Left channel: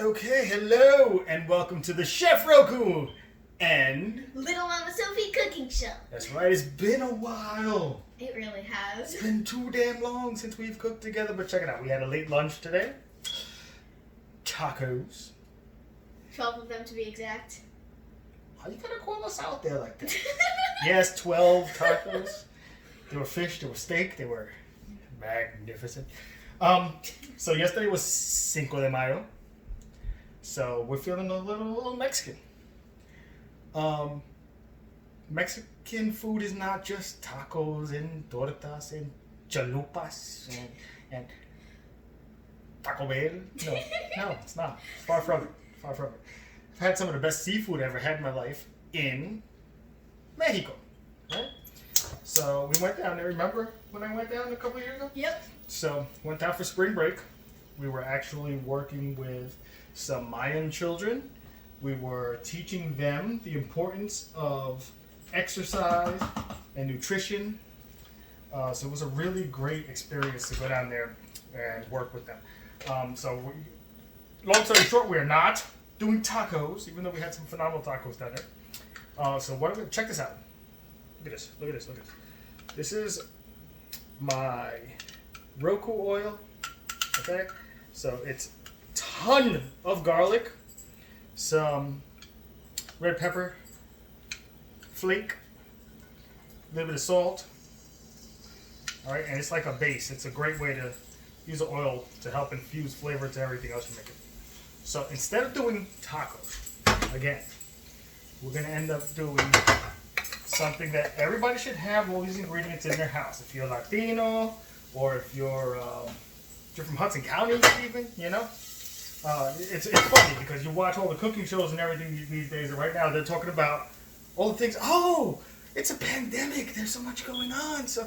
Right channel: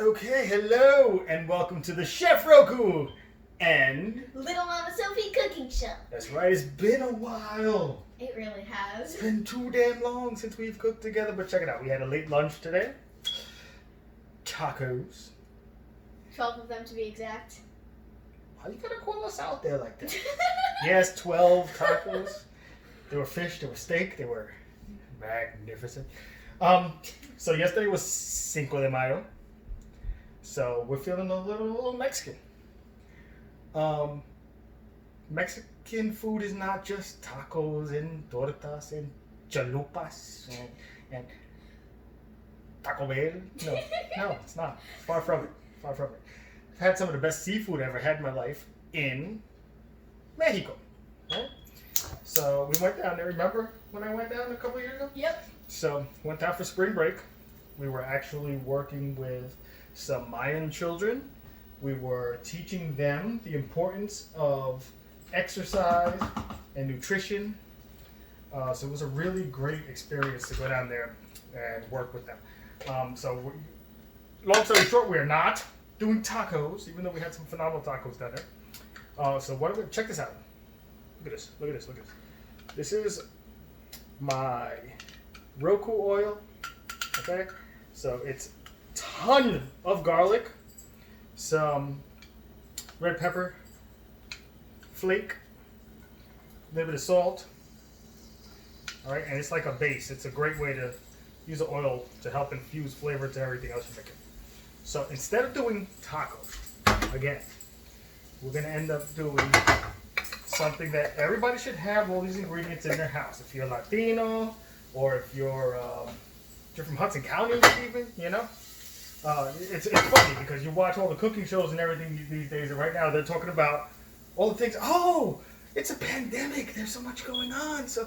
Okay, hello, and welcome to the Chef Roku and Little Mama Sophie Cooking Show. that's right, it's been a while. It really has. It's been too damn long since we've cooked together, but check it out. We had a late lunch today. Tacos. 12 of them to be exact. How you gonna call us out there like that? Yes, 12 tacos. There were fish, there were steak, they were magnificent. So yesterday was Cinco de Mayo. So we're feeling a little Mexican. Mexican food is not just tacos and tortas and chalupas and Taco Bell. No, it's not. It's far from it. Far from it. I've had some of the best seafood I ever had in my life in Mexico. Right? So we went down there. Remember when I went down a couple of years ago? Yep. So went down for spring break. We were actually working with some Mayan children. We were teaching them the importance of exercise and nutrition. So it was a really great experience to go down there and work with them. Long story short, we are not doing tacos, even though we had some phenomenal tacos down there. So what? Check this out. Look at this. Look at this. Look at this. This is my Roku oil. Okay, so it's ton of garlic, some red pepper flake, a little bit of salt. All right, and it's like a base. It's a great way to use the oil to help infuse flavor to everything else you're making. So instead of doing tacos, again, we're gonna end up doing something that everybody should have all these ingredients in their house. If you're Latino, or if you're from Hudson County, even, you know. It's funny because you watch all the cooking shows and everything these days, and right now they're talking about all the things. Oh, it's a pandemic. There's so much going on. So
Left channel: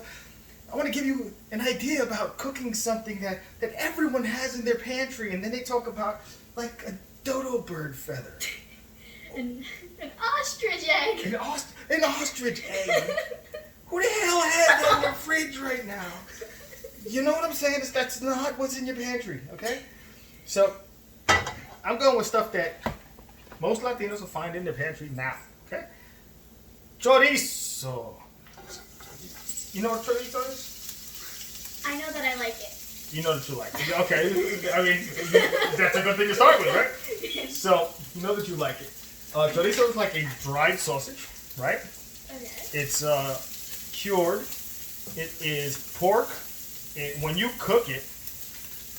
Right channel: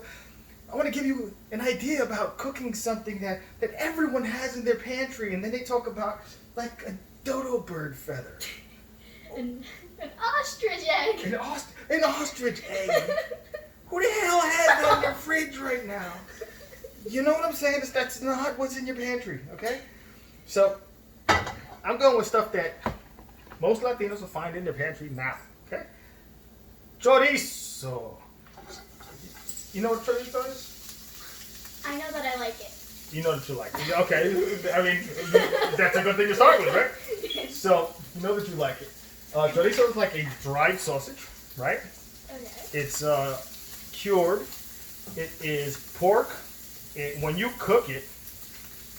I want to give you an idea about cooking something that everyone has in their pantry, and then they talk about like a dodo bird feather. An ostrich egg. An ostrich egg. Who the hell has that in their fridge right now? You know what I'm saying? That's not what's in your pantry, okay? So, I'm going with stuff that most Latinos will find in their pantry now, okay? Chorizo. You know what chorizo is? I know that I like it. You know that you like it. Okay, I mean, that's a good thing to start with, right? So, you know that you like it. Chorizo is like a dried sausage, right? Okay. It's cured. It is pork. When you cook it,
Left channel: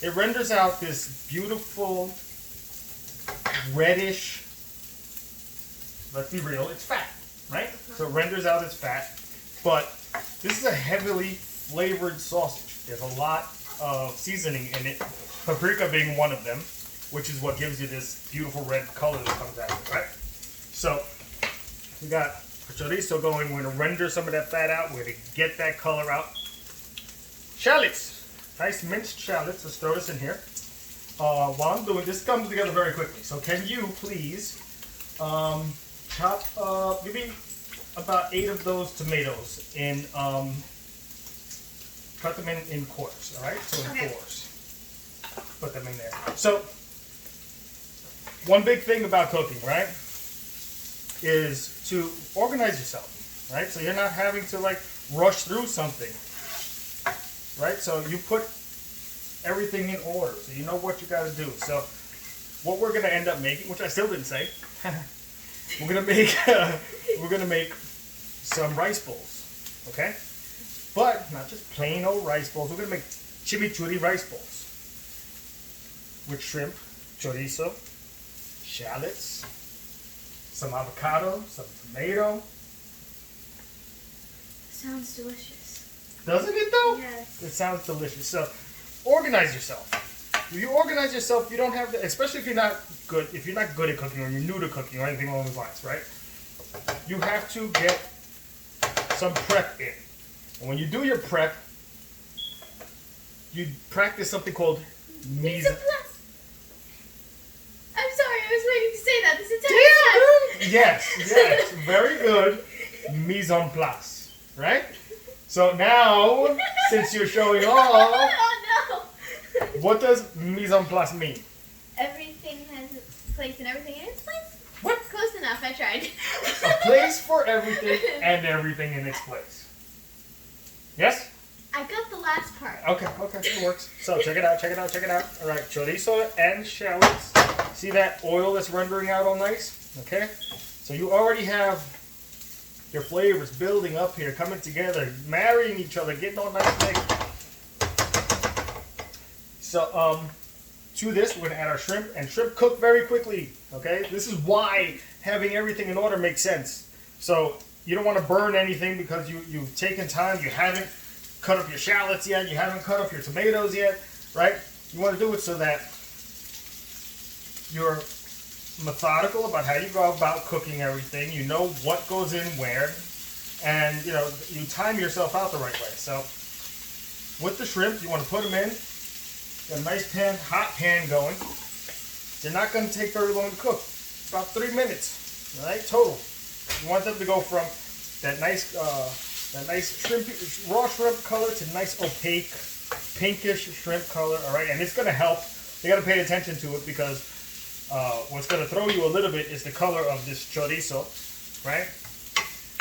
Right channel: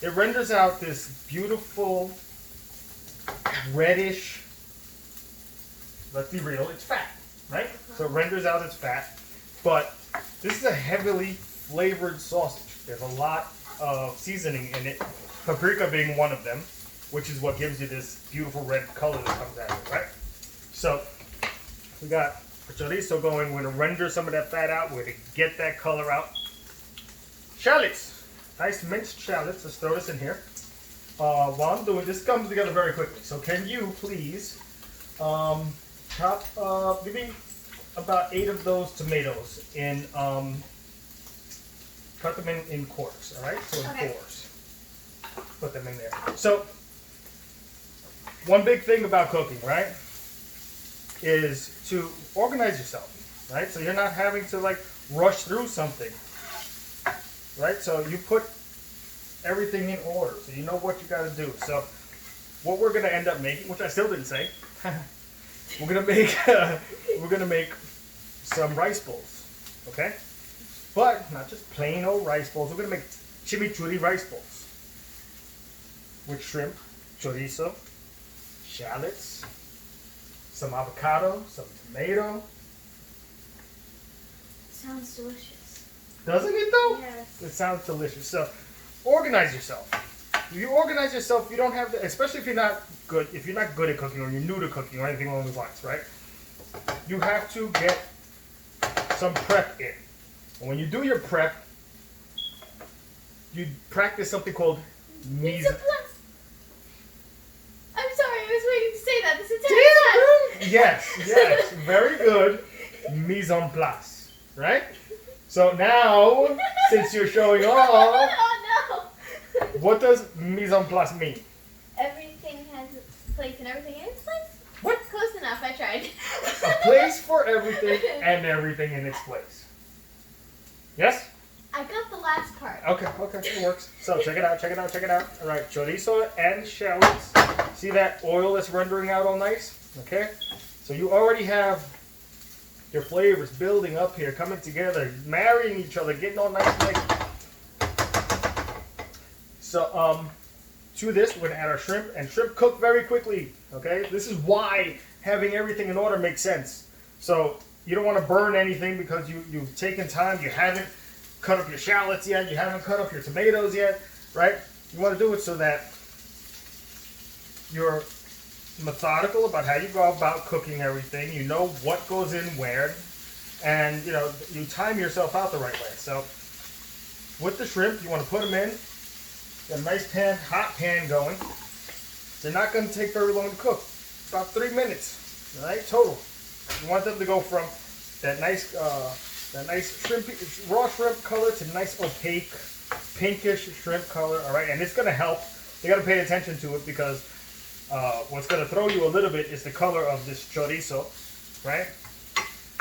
it renders out this beautiful reddish. Let's be real, it's fat, right? So it renders out its fat. But this is a heavily flavored sausage. There's a lot of seasoning in it, paprika being one of them, which is what gives you this beautiful red color that comes out of it, right? So we got chorizo going. We're going to render some of that fat out. We're going to get that color out. Shallots. Nice minced shallots. Let's throw this in here. While I'm doing this, comes together very quickly. So can you please chop maybe about 8 of those tomatoes and cut them in quarters, all right? So in fours. Put them in there. So one big thing about cooking, right, is to organize yourself, right? So you're not having to like rush through something, right? So you put everything in order, so you know what you got to do. So what we're gonna end up making, which I still didn't say, we're gonna make some rice bowls, okay? But not just plain old rice bowls. We're gonna make chimichurri rice bowls with shrimp, chorizo, shallots, some avocado, some tomato. Sounds delicious. Doesn't it though? Yes. It sounds delicious. So organize yourself. If you organize yourself, you don't have to, especially if you're not good at cooking or you're new to cooking or anything along those lines, right? You have to get some prep in. And when you do your prep, you practice something called mise en place. I'm sorry, I was waiting to say that this entire time. Yes, very good. Mise en place, right? So now, since you're showing off, Oh no! what does mise en place mean? Everything has place and everything in its place. What? Close enough. I tried. A place for everything and everything in its place. Yes? I got the last part. Okay, it works. So check it out. All right, chorizo and shallots. See that oil that's rendering out all nice? Okay? So you already have your flavors building up here, coming together, marrying each other, getting all nice and mixed. So, to this, we're gonna add our shrimp, and shrimp cook very quickly, okay? This is why having everything in order makes sense. So, you don't wanna burn anything because you've taken time, you haven't cut up your shallots yet, you haven't cut up your tomatoes yet, right? You wanna do it so that you're methodical about how you go about cooking everything. You know what goes in where, and you time yourself out the right way. So with the shrimp, you want to put them in. Got a nice pan, hot pan going. They're not going to take very long to cook. About 3 minutes, all right, total. You want them to go from that nice shrimp, raw shrimp color to nice opaque, pinkish shrimp color. All right, and it's going to help. You got to pay attention to it because what's going to throw you a little bit is the color of this chorizo, right?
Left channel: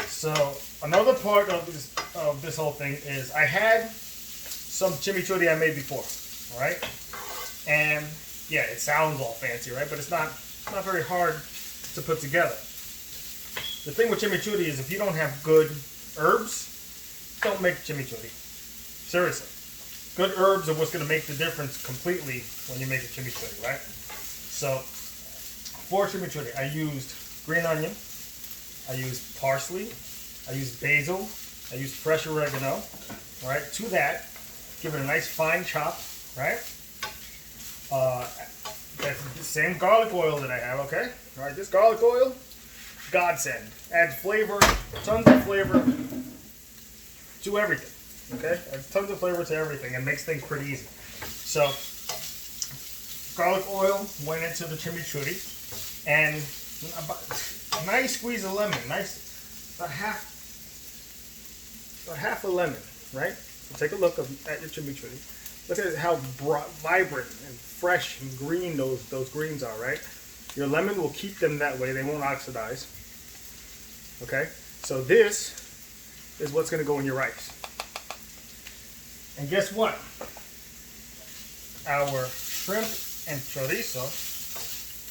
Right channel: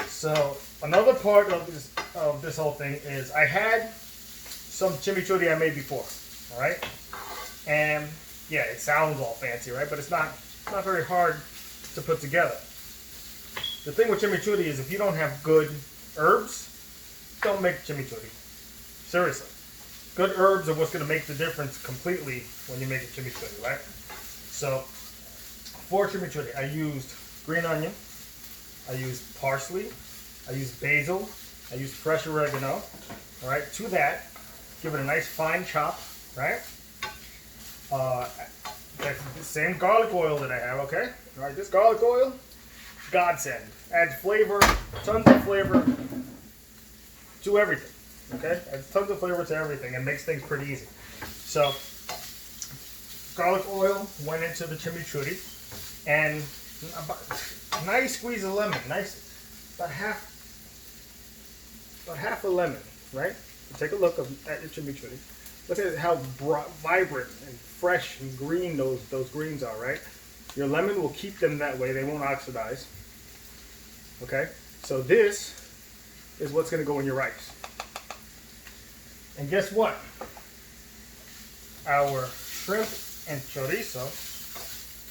So another part of this whole thing is I had some chimichurri I made before, all right? And yeah, it sounds all fancy, right? But it's not very hard to put together. The thing with chimichurri is if you don't have good herbs, don't make chimichurri. Seriously. Good herbs are what's going to make the difference completely when you make a chimichurri, right? So for chimichurri, I used green onion, I used parsley, I used basil, I used fresh oregano. All right, to that, give it a nice fine chop, right? That's the same garlic oil that I have, okay? All right, this garlic oil, godsend. Adds flavor, tons of flavor to everything, okay? Adds tons of flavor to everything and makes things pretty easy. So, garlic oil went into the chimichurri, and a nice squeeze of lemon, about half a lemon, right? So take a look at your chimichurri. Look at how vibrant and fresh and green those greens are, right? Your lemon will keep them that way; they won't oxidize. Okay, so this is what's going to go in your rice. And guess what? Our shrimp and chorizo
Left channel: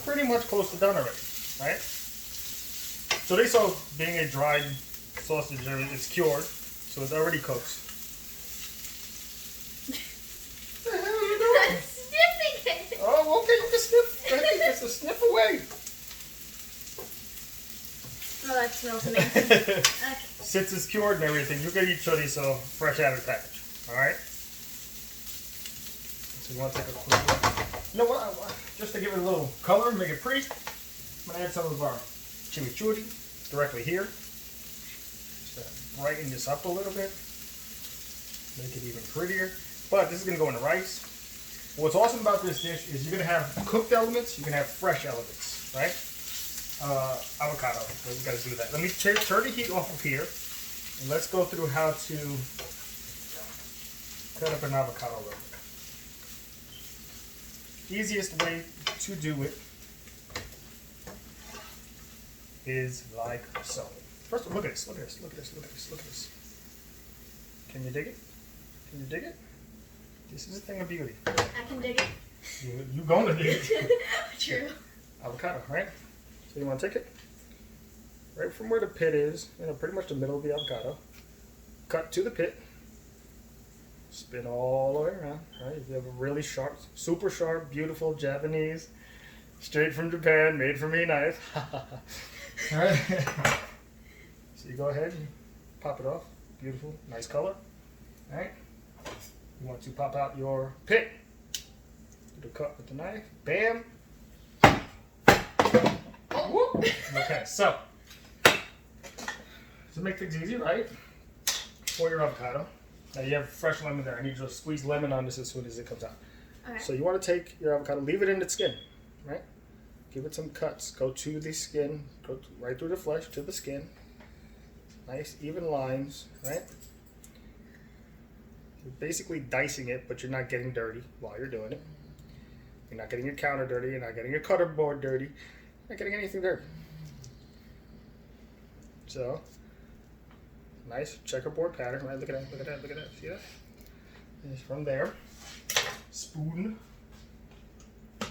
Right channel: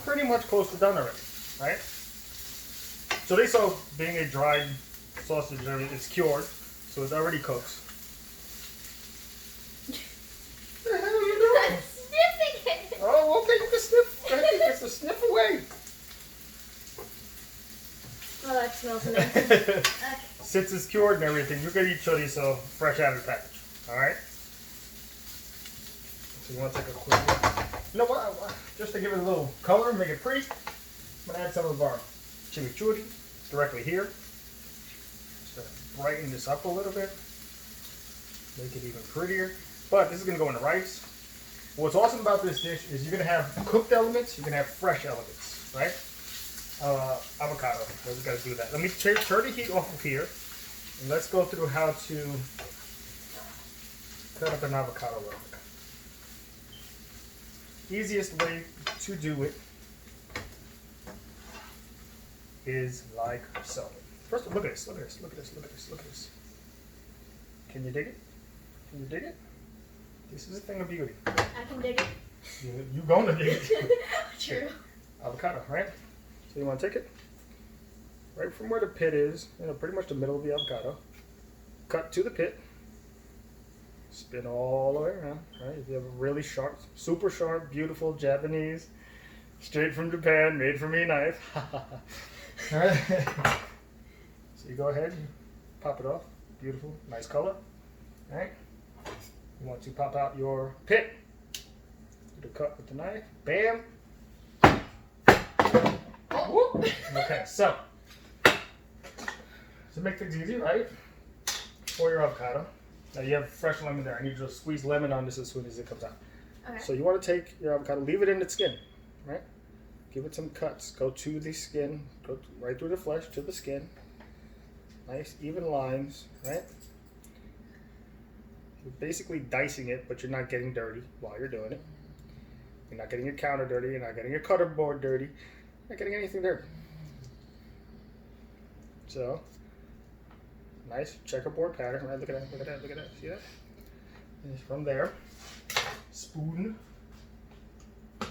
pretty much close to done already, right? Chorizo, being a dried sausage, it's cured, so it already cooks. What the hell are you doing? I'm sniffing it. Oh, okay, you can sniff. Go ahead, get some sniff away. Oh, that smells amazing. Okay. Since it's cured and everything, you're gonna eat chorizo fresh out of the package. All right. So you want to take a quick look. You know what? Just to give it a little color, make it pretty, I'm gonna add some of our chimichurri directly here. Just brighten this up a little bit, make it even prettier. But this is gonna go in the rice. What's awesome about this dish is you're gonna have cooked elements, you're gonna have fresh elements, right? Avocado. We gotta do that. Let me turn the heat off of here, and let's go through how to cut up an avocado a little bit. Easiest way to do it is like so. First, look at this. Look at this. Look at this. Look at this. Look at this. Can you dig it? Can you dig it? This is a thing of beauty. I can dig it. You gonna dig it? True. Avocado, right? So you want to take it right from where the pit is, pretty much the middle of the avocado. Cut to the pit. Spin all the way around, right? If you have a really sharp, super sharp, beautiful Japanese, straight from Japan, made for me knife. All right. So you go ahead, and pop it off. Beautiful, nice color. All right. You want to pop out your pit. Do the cut with the knife. Bam. Whoop. Okay, so to make things easy, right? For your avocado. Now you have fresh lemon there. I need you to squeeze lemon on this as soon as it comes out. Okay. So you want to take your avocado, leave it in its skin, right? Give it some cuts. Go to the skin, right through the flesh to the skin. Nice even lines, right? You're basically dicing it, but you're not getting dirty while you're doing it. You're not getting your counter dirty. You're not getting your cutter board dirty. You're not getting anything dirty. So, nice checkerboard pattern, right? Look at that, look at that, look at that. See that? And from there, spoon.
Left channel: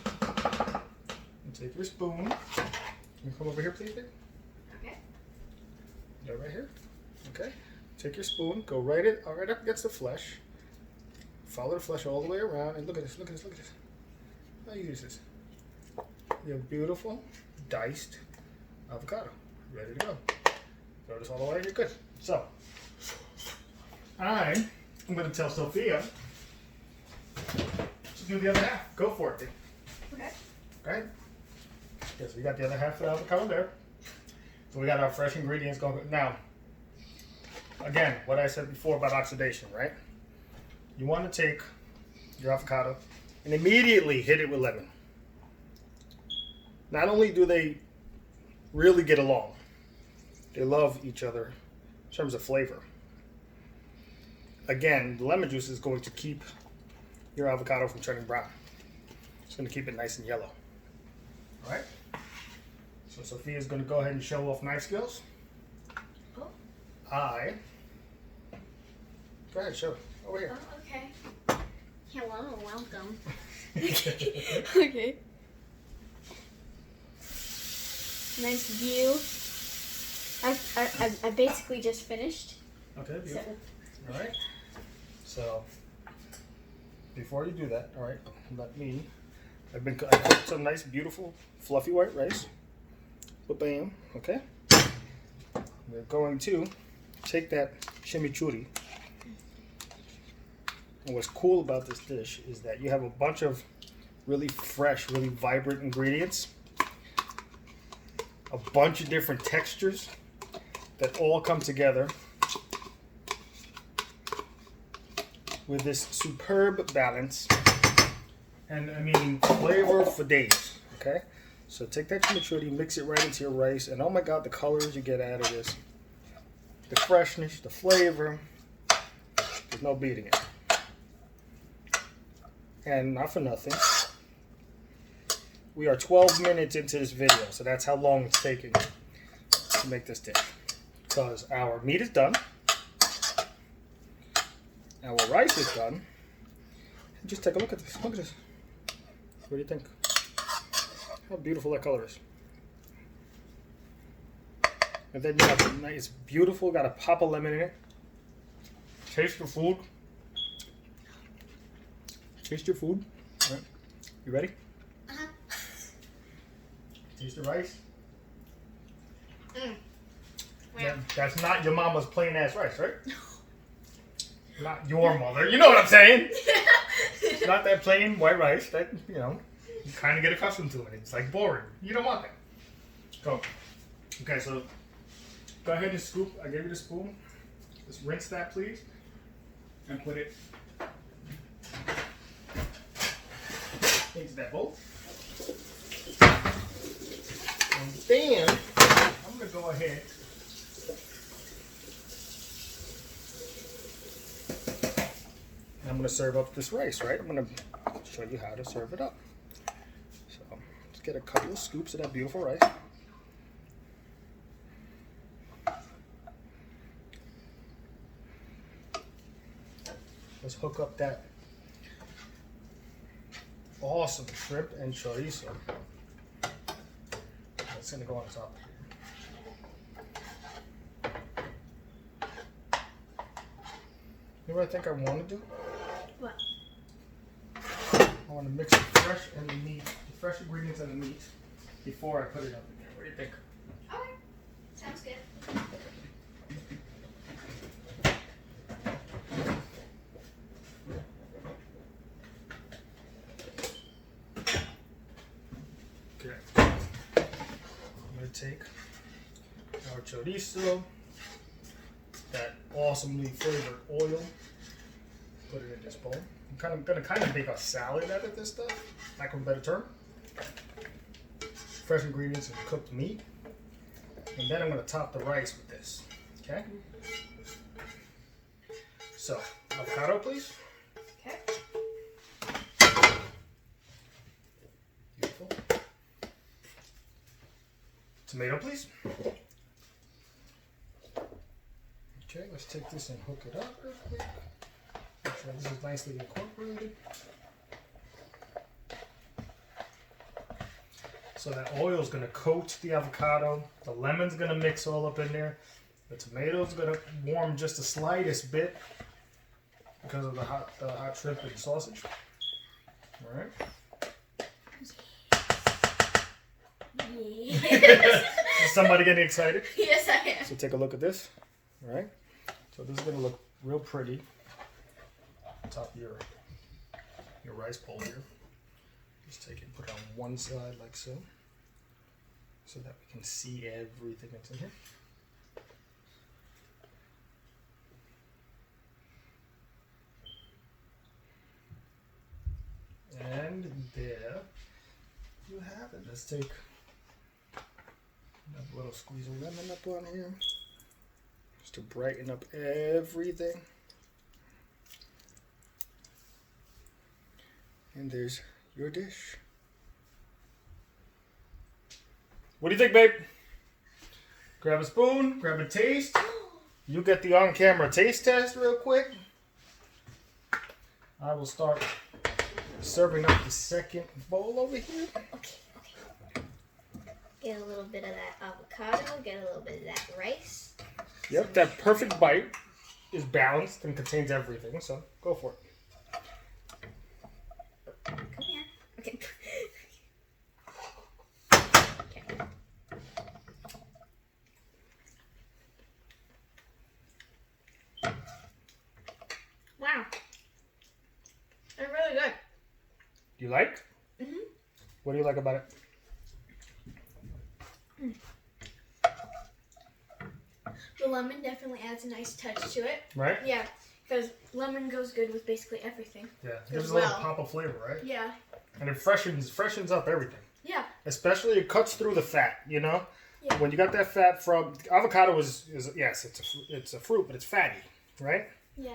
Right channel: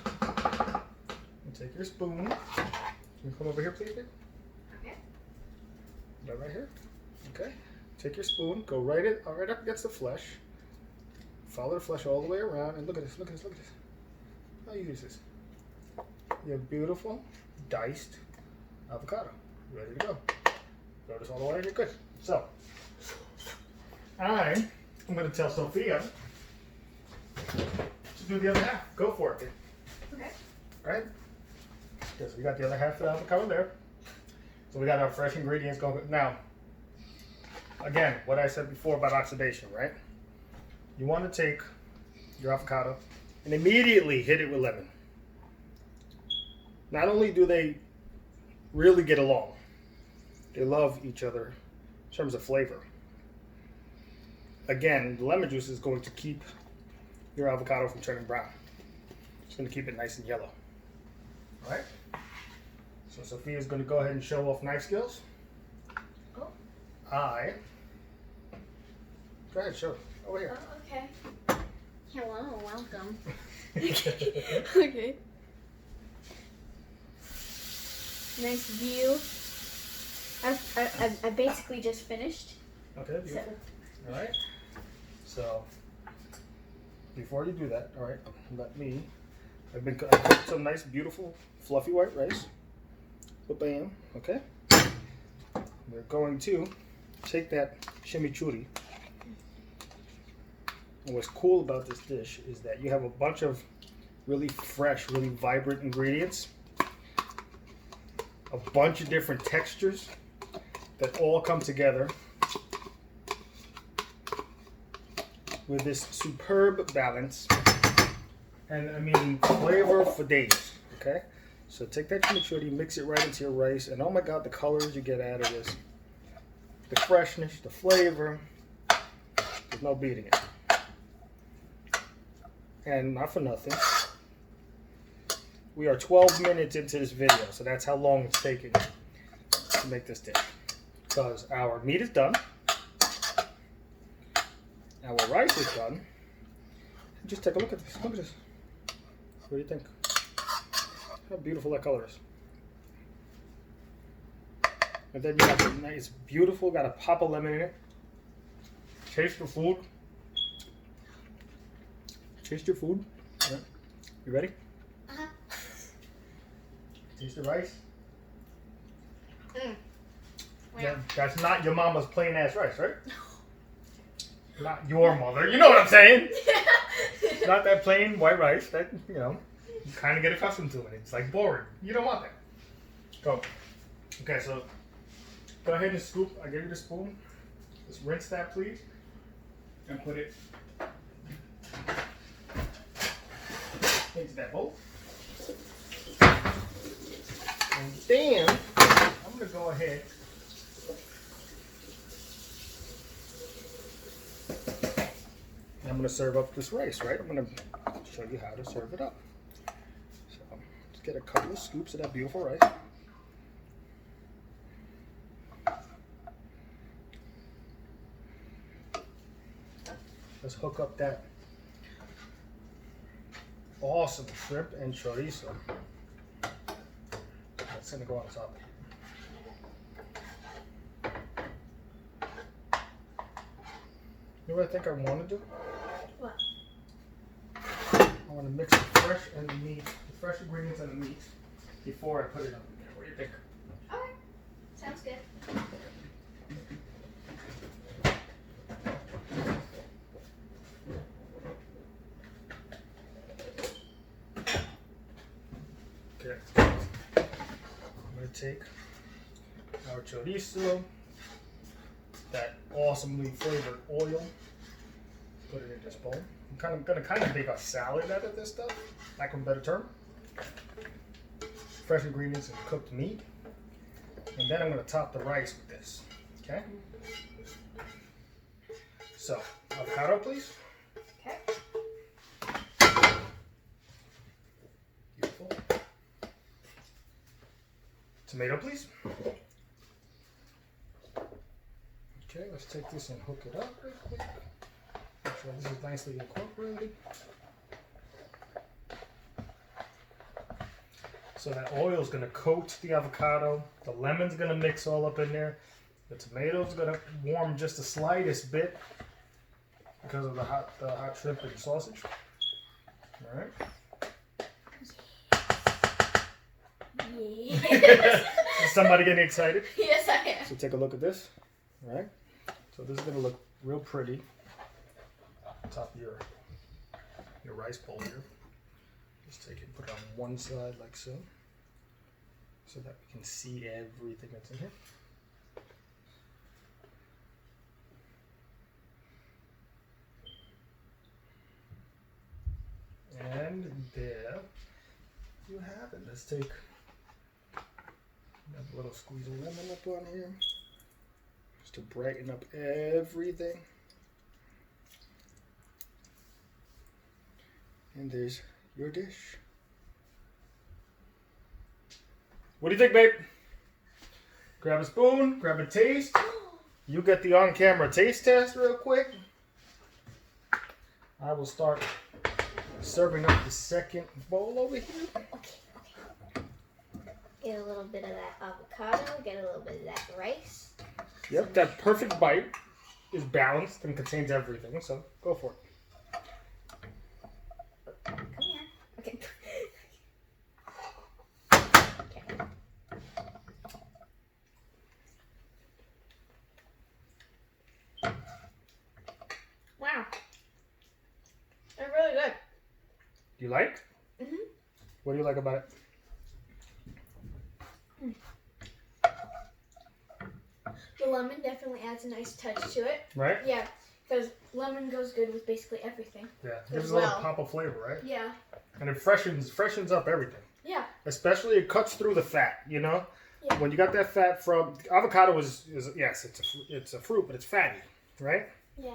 And take your spoon. Can you come over here, please, babe? Okay. Yeah, right here. Okay. Take your spoon, go right up against the flesh. Follow the flesh all the way around, and look at this, look at this, look at this. How you use this? Your beautiful diced avocado. Ready to go. Throw this all the way, you're good. So, I'm going to tell Sophia to do the other half. Go for it, babe. Okay. Right? Okay, so we got the other half of the avocado there. So we got our fresh ingredients going. Now, again, what I said before about oxidation, right? You want to take your avocado and immediately hit it with lemon. Not only do they really get along, they love each other in terms of flavor. Again, the lemon juice is going to keep your avocado from turning brown. It's going to keep it nice and yellow. All right? So Sophia's going to go ahead and show off knife skills. Oh. Go ahead, show it. Over here. Oh, okay. Hello, welcome. Okay. Nice view. I basically just finished. Okay, beautiful. All right. So, before you do that, all right, I cooked some nice, beautiful, fluffy white rice. Bam. Okay. We're going to take that chimichurri. And what's cool about this dish is that you have a bunch of really fresh, really vibrant ingredients, a bunch of different textures that all come together with this superb balance, and I mean flavor for days. Okay, so take that chimichurri, mix it right into your rice, and oh my God, the colors you get out of this, the freshness, the flavor, there's no beating it. And not for nothing, we are 12 minutes into this video, so that's how long it's taking to make this dish. Because our meat is done, our rice is done. Just take a look at this. Look at this. What do you think? How beautiful that color is. And then you have a nice, beautiful, got a pop of lemon in it. Taste the food. Taste your food. All right. You ready? Uh-huh. Taste the rice. Yeah. That's not your mama's plain ass rice, right? Not your mother. You know what I'm saying? It's not that plain white rice that, you kind of get accustomed to it. It's like boring. You don't want that. Go. Okay, so go ahead and scoop. I gave you the spoon. Just rinse that, please. And put it into that bowl. And then I'm going to go ahead and I'm going to serve up this rice, right? I'm going to show you how to serve it up. So let's get a couple of scoops of that beautiful rice. Let's hook up that awesome shrimp and chorizo. That's going to go on top. You know what I think I want to do? What? I want to mix the fresh and the meat, the fresh ingredients and the meat before I put it up in there. What do you think? Okay. Sounds good. Okay. I'm going to take our chorizo, that awesomely flavored oil, put it in this bowl. I'm going to make a salad out of this stuff, lack of a better term. Fresh ingredients and cooked meat. And then I'm going to top the rice with this. Okay? So, avocado, please. Okay. Tomato, please. Okay, let's take this and hook it up real quick. Make sure this is nicely incorporated. So that oil is going to coat the avocado. The lemon's going to mix all up in there. The tomato's going to warm just the slightest bit because of the hot shrimp and sausage. All right. Yes. Is somebody getting excited? Yes, I am. So take a look at this. All right. So this is going to look real pretty on top of your rice bowl here. Just take it and put it on one side like so that we can see everything that's in here. And there you have it. Let's take a little squeeze of lemon up on here just to brighten up everything. And there's your dish. What do you think, babe? Grab a spoon, grab a taste. You get the on-camera taste test real quick. I will start serving up the second bowl over here. Okay. Get a little bit of that avocado. Get a little bit of that rice. Yep, that perfect bite is balanced and contains everything, so go for it. Come here. Okay. Okay. Wow. They're really good. You like? Mhm. What do you like about it? The lemon definitely adds a nice touch to it. Right? Yeah, because lemon goes good with basically everything. Yeah. Gives As a little well. pop of flavor, right? Yeah. And it freshens up everything. Yeah. Especially it cuts through the fat, you know? Yeah. When you got that fat from avocado is yes, it's a fruit, but it's fatty, right? Yeah.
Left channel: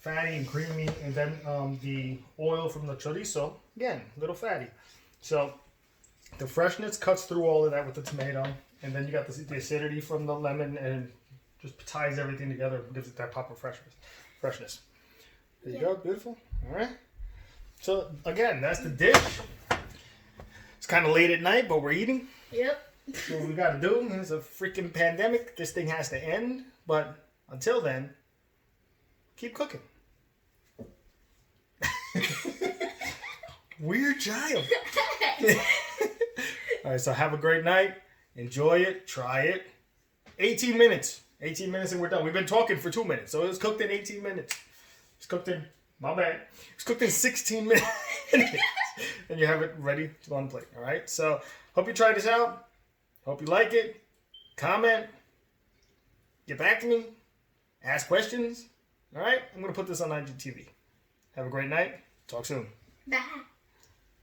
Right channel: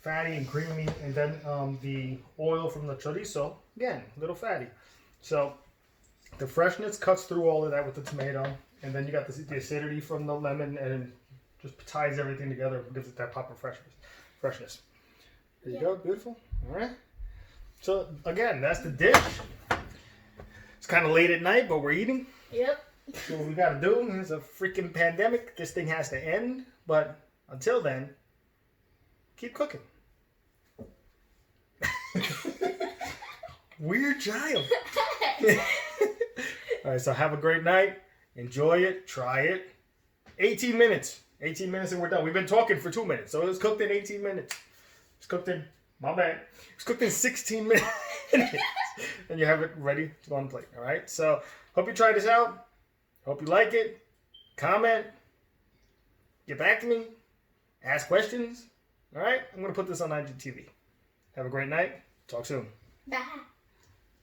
Fatty and creamy, and then the oil from the chorizo, again, a little fatty. So the freshness cuts through all of that with the tomato, and then you got the acidity from the lemon, and just ties everything together and gives it that pop of freshness. There you go, beautiful. All right. So again, that's the dish. It's kind of late at night, but we're eating. Yep. So what we got to do, there's a freaking pandemic. This thing has to end, but until then, keep cooking. Weird child. All right, so have a great night. Enjoy it. Try it. 18 minutes. 18 minutes and we're done. We've been talking for 2 minutes, so it's cooked in 18 minutes. It's cooked in, my bad. It's cooked in 16 minutes. And you have it ready to on the plate. All right, so hope you try this out. Hope you like it. Comment. Get back to me. Ask questions. All right, I'm going to put this on IGTV. Have a great night. Talk soon. Bye.